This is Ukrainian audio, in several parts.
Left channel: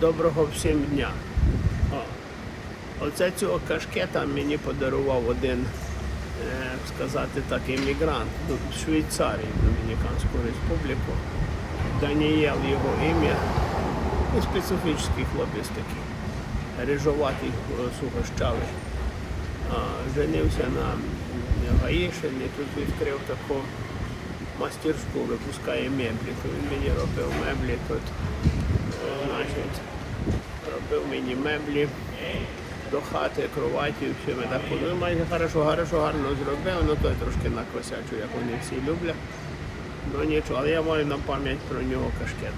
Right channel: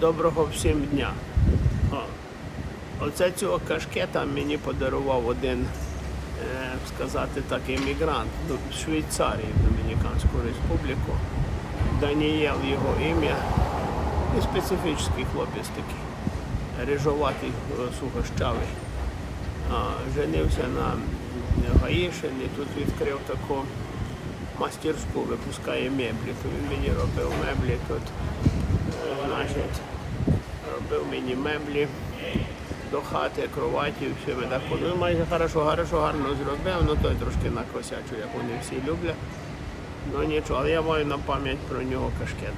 Доброго всім дня. О, оце цього кашкета мені подарував один, е, сказати так, іммігрант з Швейцарії, в Домініканську республіку. Даніел його ім'я. І специфічний хлопець такий. Рижоватий, е, сухощавий. Женився на Гаїшині, тут відкрив таку мастерську, випускає меблі. Він мені робив меблі тут. Значить, робив мені меблі до хати, кроваті, все так ходили. Майже хорошо, хорошо, гарно зробив, ну той трошки накосячу, як вони всі люблять. Ну нічого, але я маю на пам'ять про нього кашкет.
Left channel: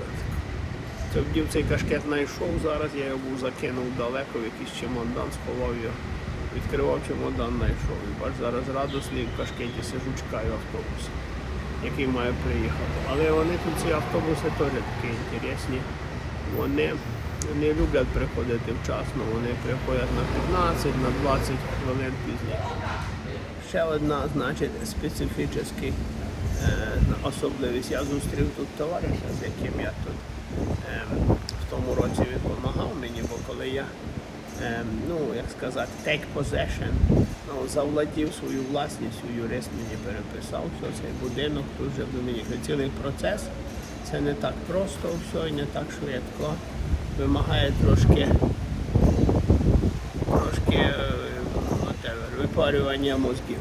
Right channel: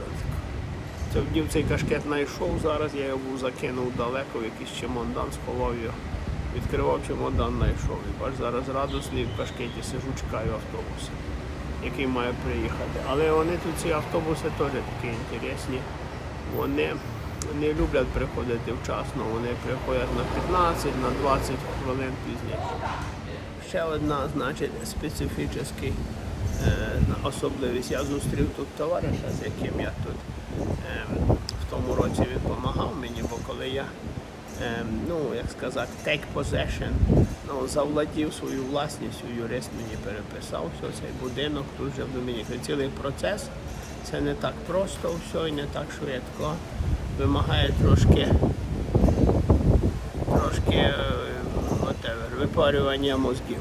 Вдів цей кашкет знайшов зараз, я його був закинув далеко, в якийсь чемодан, сховав його. Відкривав чемодан, знайшов. І бач, зараз радісний в кашкеті сижу, чекаю автобус, який має приїхати. Але вони тут ці автобуси теж такі інтересні. Вони не люблять приходити вчасно, вони приходять на 15, на 20 хвилин пізніше. Ще одна, значить, специфічний е, особливість. Я зустрів тут товариша, з яким я тут е, в тому році він допомагав мені, бо коли я, е, ну, як сказати, take possession, ну, завладів свою власність, юрист мені переписав все, цей будинок тут вже Домініці. Цілий процес. Це не так просто все і не так швидко. Вимагає трошки трошки е, whatever, випарювання мозків.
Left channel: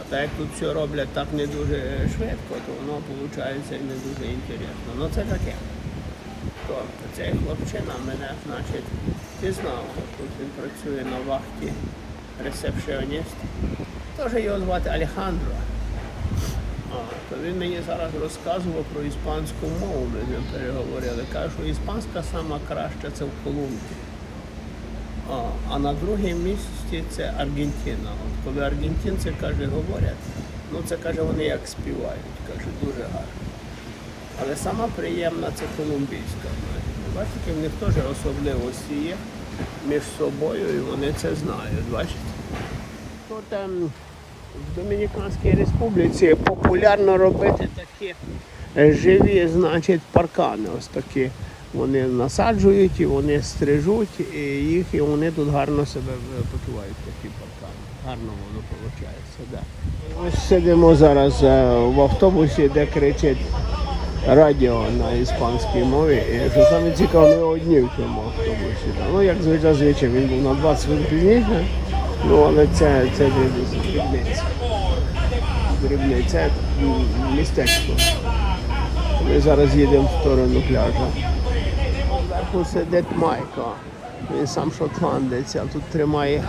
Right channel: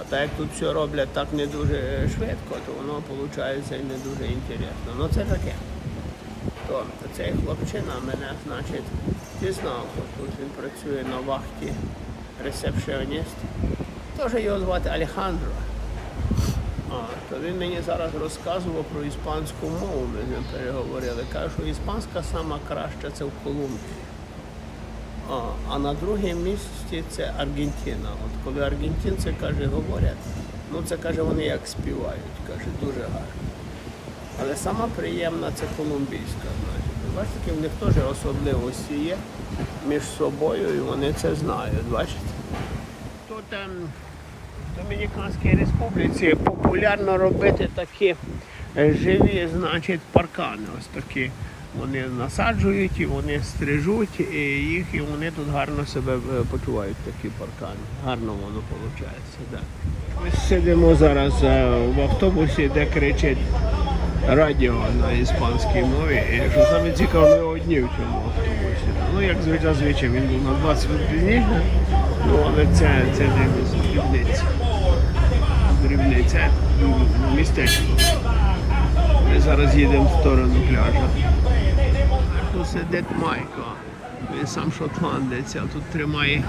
А так як тут все роблять так не дуже швидко, то воно виходить не дуже інтересно. Ну це таке. То цей хлопчина мене, значить, пізнав. Тут він працює на вахті ресепшіоніст. Теж його звати Алехандро. То він мені зараз розказував про іспанську мову, ми з ним переговорили. Каже, що іспанська сама краща це в Колумбії. А, а на друге місці це Аргентина. От коли аргентинці каже, говорять, ну це каже, вони як співають, каже, дуже гарно. Але сама приємна це колумбійська. Бачите, в них теж особливості є між собою, і вони це знають. Бачите? Ем, в Домініканській республіці популярно робити такі е, живі, значить, паркани. Ось такі. Вони насаджують і вони стрижуть, і їх, і вони тут гарно себе е, почувають, такі паркани. Гарно воно виходить. Да. Ми сидимо зараз е, в автобусі, де кричить радіо на іспанській мові. І що саме цікаво, ми одні в цьому автобусі. Ну, як звичайно, звичай, він був на 20 хвилин пізніше, ну але це, це дрібниця. Дрібниця, містечко. Ми зараз їдемо в сторону пляжа. Сидить Майко. Він сам шотландець, а тут тримає,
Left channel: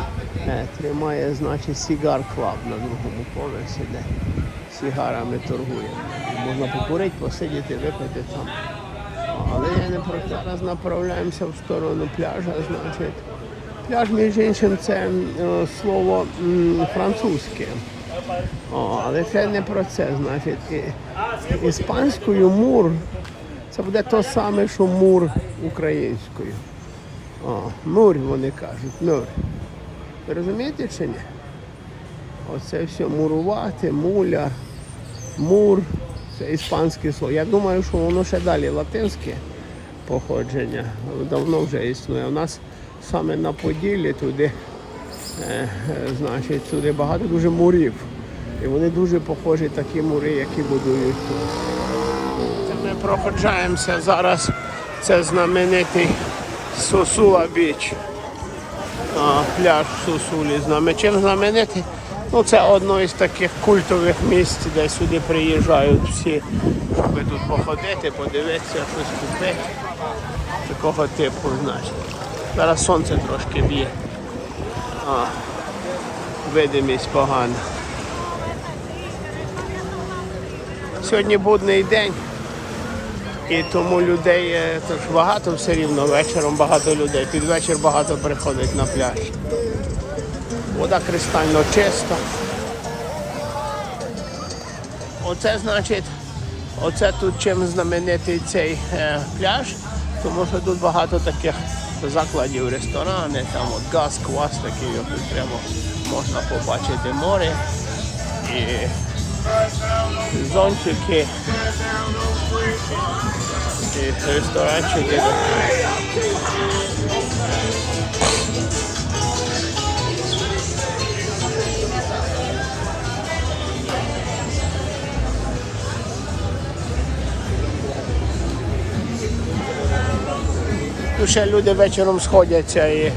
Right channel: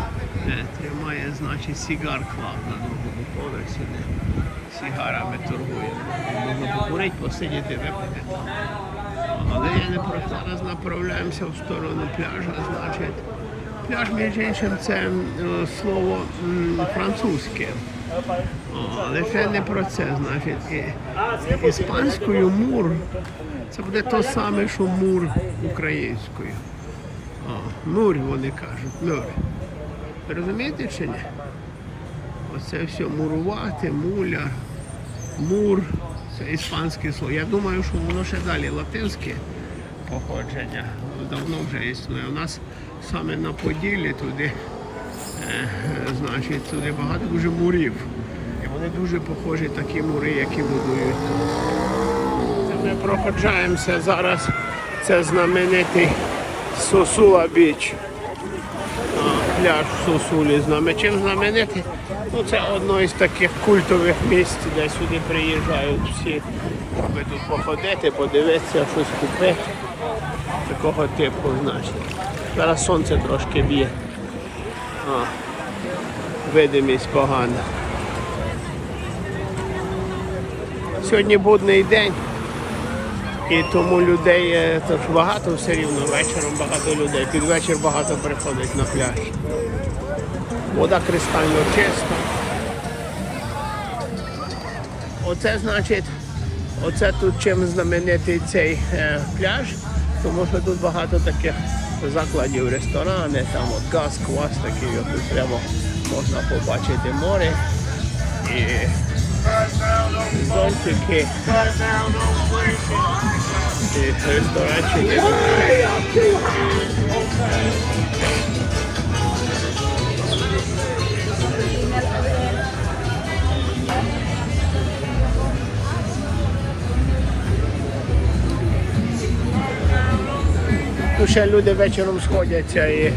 е, тримає значить, сігар клаб на другому поверсі, сігарами торгує. Можна покурити, посидіти, випити. Але я не про зараз направляємося в сторону пляжа, значить. Пляж, між іншим, це е, слово французьке. О, але це не про це, значить. І, іспанською мур це буде то саме, що мур українською. О, мур вони кажуть, мур. Ви розумієте чи ні? Оце все мурувати, муля, мур, це іспанське слово. Я думаю, що воно ще далі латинське походження. Давно вже існує. У нас саме на Поділлі туди, е, значить, туди багато дуже мурів. І вони дуже похожі такі мури, які будують Ми проходжаємося зараз. Це знаменитий Сосула Біч. Пляж в Сосулі знаме. Чим знаменитий? Ну, це одно із таких культових місць, де сюди приїжджають всі, аби тут походити, подивитися, щось купити. Такого типу, значить. Зараз сонце трошки б'є. А, видимість погана. Сьогодні будний день. І тому людей е, то ж багато все рівно, вечором багато людей. Під вечір багато приходить на пляж. Вода кристально чиста. Оце значить, оце тут чим знаменитий цей е, пляж, тому що тут багато таких закладів, ресторани, там от газ, квас такий, от тут прямо можна побачити море і зонтики. І ресторанчики. Тут ще люди вечором сходяться і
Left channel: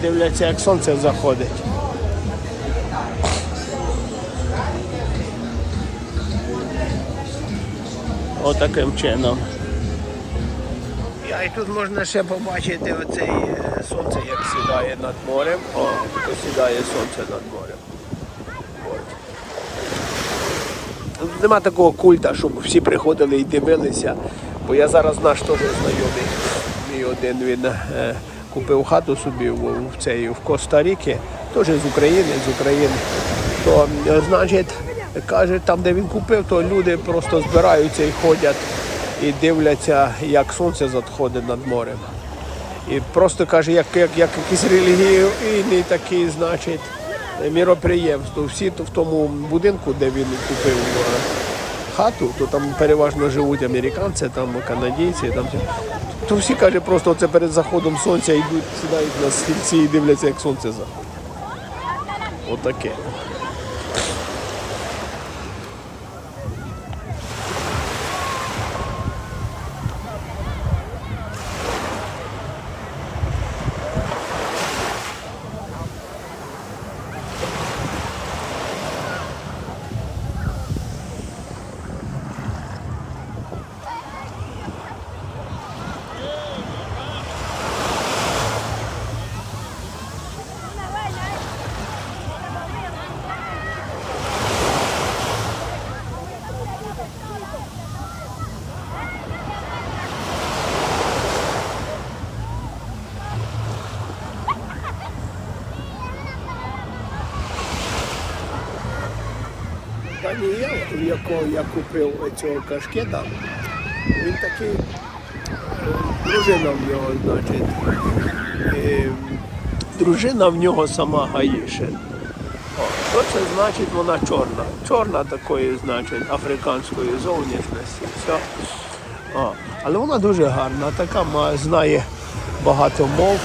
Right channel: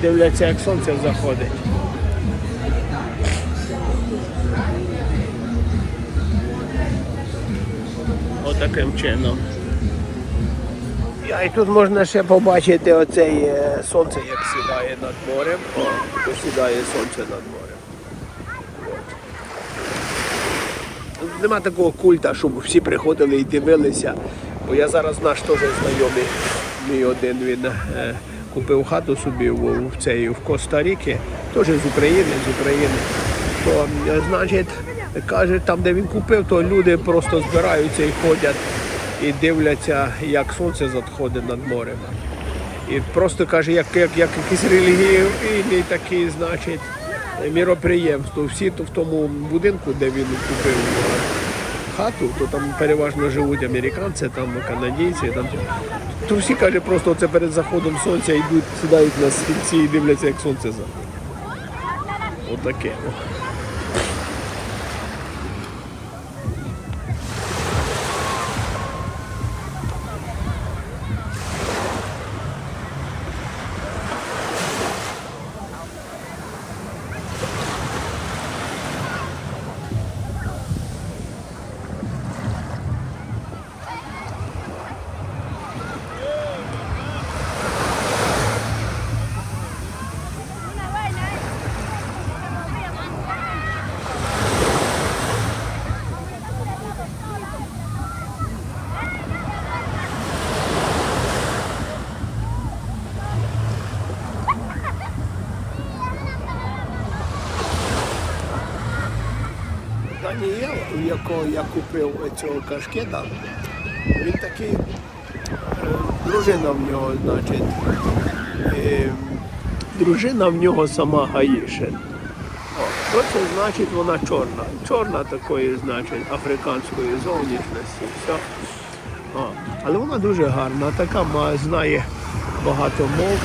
дивляться, як сонце заходить. Отаким чином. Я і тут можна ще побачити оцей е, сонце, як сідає над морем. О, посідає сонце над морем. Нема такого культа, щоб всі приходили і дивилися. Бо я зараз наш теж знайомий. Мій один він е, купив хату собі в, цей в Коста-Ріки, теж з України, з України. То е, значить, каже, там, де він купив, то люди просто збираються і ходять і дивляться, як сонце заходить над морем. І просто каже, як, як, як якийсь релігійний такий, значить, міроприємство. Всі то в тому будинку, де він купив е, хату, то там переважно живуть американці, там канадійці. Там, то всі каже, просто це перед заходом сонця йдуть, сідають на стільці і дивляться, як сонце заходить. Отаке. о. Даніел, у якого я купив цього кашкета, він такий, е, дружина в нього, значить, дружина в нього сама Гаїшин. Що це значить вона чорна? Чорна такої, значить, африканської зовнішності. Все. О, але вона дуже гарна, така знає багато мов.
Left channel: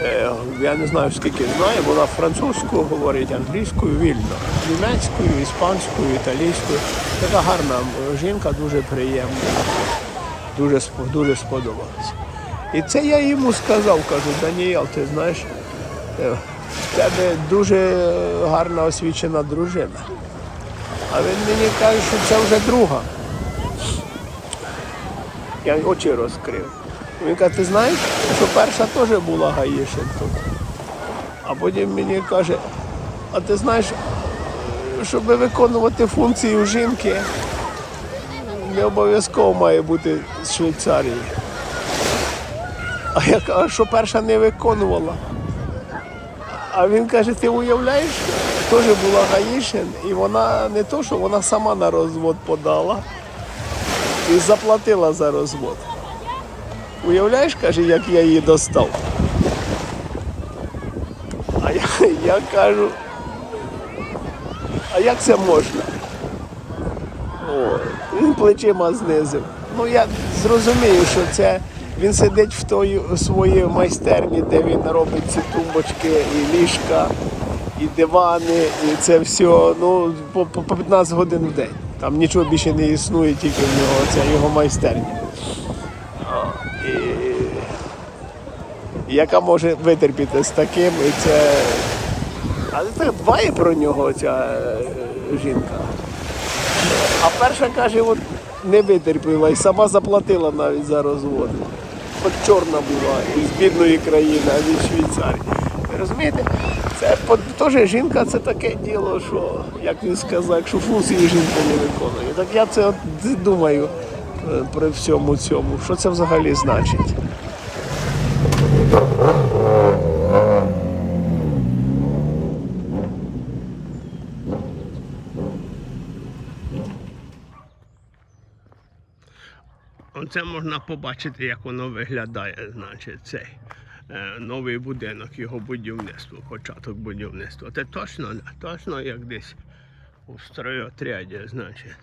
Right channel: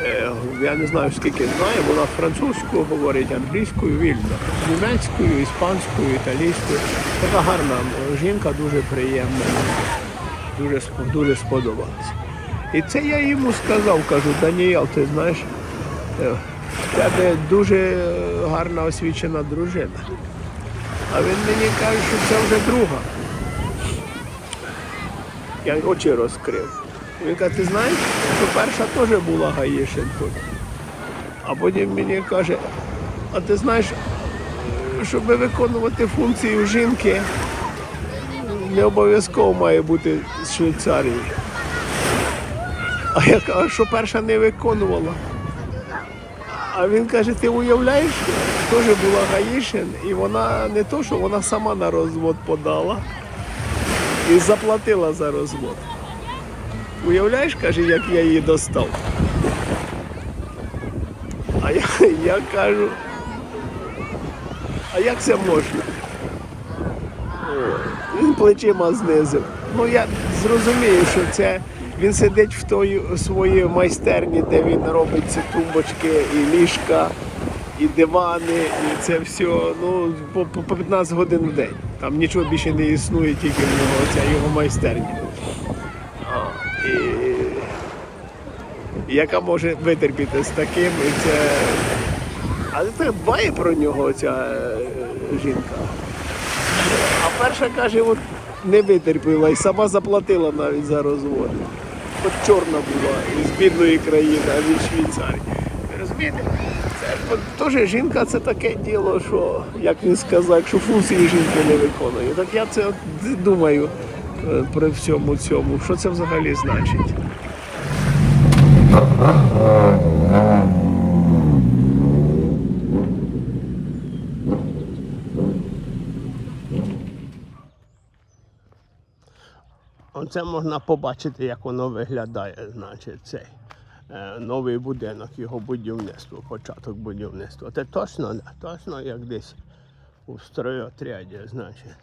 Е, Я не знаю скільки знає, вона французькою говорить, англійською вільно, німецькою, іспанською, італійською. Така гарна жінка, дуже приємна. Дуже, дуже сподобалася. І це я йому сказав, кажу, Даніел, ти знаєш, е, в тебе дуже гарна освічена дружина. А він мені каже, що це вже друга. Я очі розкрив. Він каже, ти знаєш, що перша теж була Гаїшин тут. А потім мені каже, а ти знаєш, щоб виконувати функцію жінки, не обов'язково має бути з Швейцарії. А я кажу, що перша не виконувала? А він каже, ти уявляєш, теж була Гаїшин, і вона не то, що вона сама на розвод подала і заплатила за розвод. Уявляєш, каже, як я її достав. А я, я кажу, а як це можна? О, він плечима знизив. Ну я зрозумію, що це він сидить в той своїй майстерні, де він робить ці тумбочки і ліжка, і дивани, і це все ну, по, по по 15 годин в день. Там нічого більше не існує, тільки в нього ця його майстерня. Яка може витерпіти з таким, і це. Але це дбає про нього ця е, жінка. А перша каже, от не витерпіла і сама заплатила навіть за розвод. От чорна була із бідної країни, а з Швейцарії. Розумієте? Це теж жінка це таке діло, що, як він сказав, якщо функції жінка не виконує. Так я це от думаю е, при всьому цьому, що це взагалі значить. Оце можна побачити, як воно виглядає, значить, цей е, новий будинок, його будівництво, початок будівництва. Це точно, да, точно як десь у стройотряді, значить.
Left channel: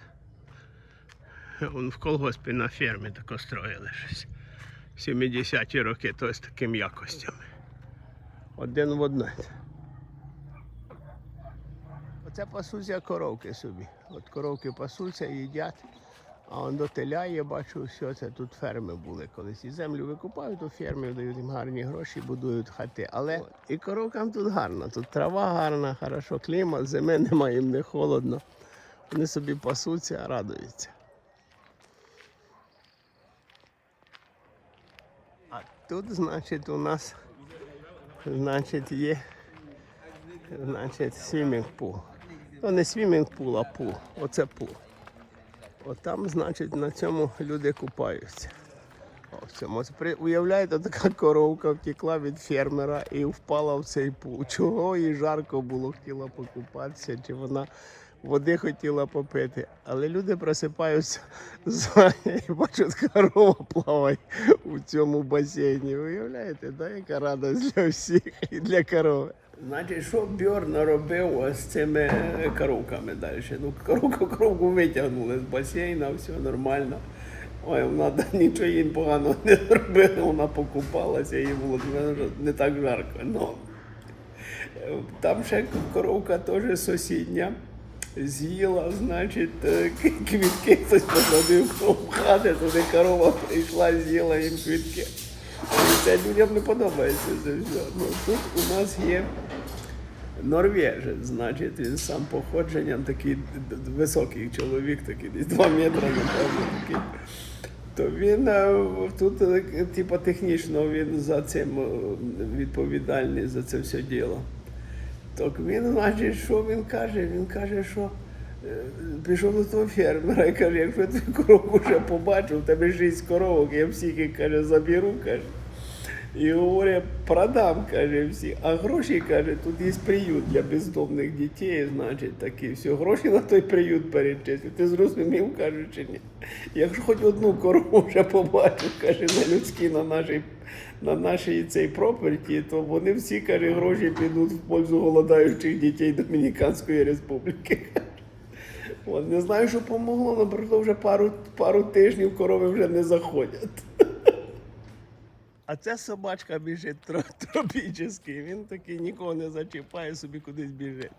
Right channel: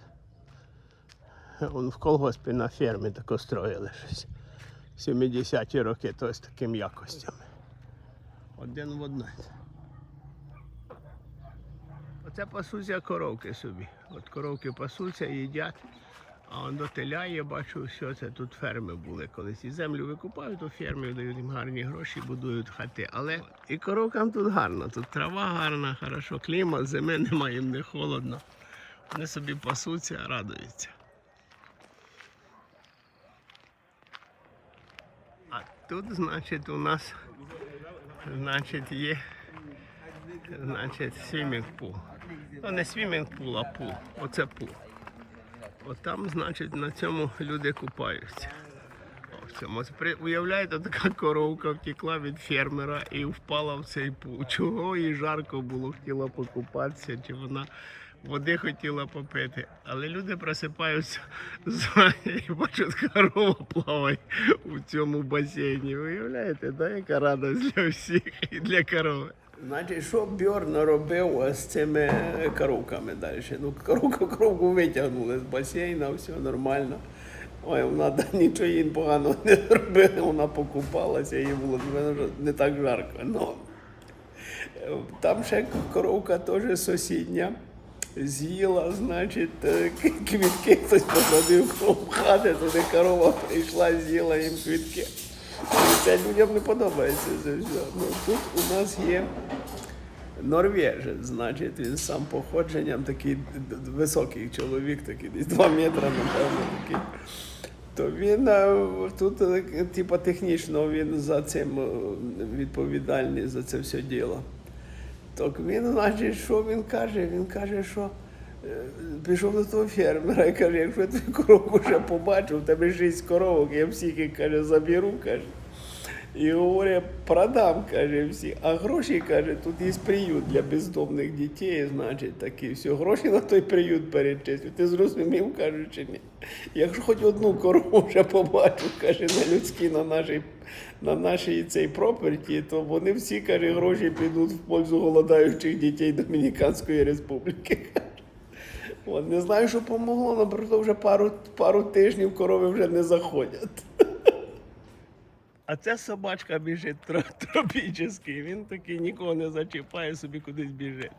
Он в колгоспі на фермі тако строїли щось. 70-ті роки, то з такими якостями. Один в одне. Оце пасуться коровки собі. От коровки пасуться, їдять. А он до теля є, бачу, все це тут ферми були колись. І землю викупають, то фермі дають їм гарні гроші, будують хати. Але і коровкам тут гарно. Тут трава гарна, хорошо, клімат, зими немає, їм не холодно. Вони собі пасуться, радуються. Тут, значить, у нас значить, є значить, свімінг пул. Ну, не свімінг пул, а пул. Оце пул. От там, значить, на цьому люди купаються. О, Уявляєте, така коровка втекла від фермера і впала в цей пул. Чого їй жарко було, хотіла покупатися, чи вона води хотіла попити. Але люди просипаються і бачать, корова плаває у цьому басейні. Уявляєте, да, яка радість для всіх і для корови. Значить, що Бьорн робив з цими коровками далі? Ну, коровку, коровку витягнули з басейна, все нормально. Ой, вона нічого їй поганого не зробила, вона покупалася, їй було не- так жарко. Ну, там ще коровка теж сусідня. З'їла, значить, е, квітки хтось посадив коло хати, туди корова прийшла, з'їла їм квітки. І це людям не подобається це все. Ну, тут у нас є норвежець, значить, він сам походженням такий високий чоловік, такий десь 2 метри, напевно, такий. То він е, тут, е, типа, технічно він за цим відповідальний за це все діло. Так він, значить, що він каже? Він каже, що е, пішов до того фермера і каже, якщо ти корову ще побачив, тебе шість коровок, я всіх каже, заберу, каже. І говорить, продам, каже, всі. А гроші, каже, тут є приют для бездомних дітей, значить, такі все. Гроші на той приют перечислю. Ти зрозумів, каже, чи ні? Якщо хоч одну корову вже побачив, каже, на людській, на нашій, на нашій цій проперті, то вони всі, каже, гроші підуть в пользу голодаючих дітей Домініканської республіки. От, не знаю, що помогло, але вже пару, пару тижнів корови вже не заходять. А ця собачка біжить тро- тропічний. Він такий нікого не зачіпає, собі кудись біжить.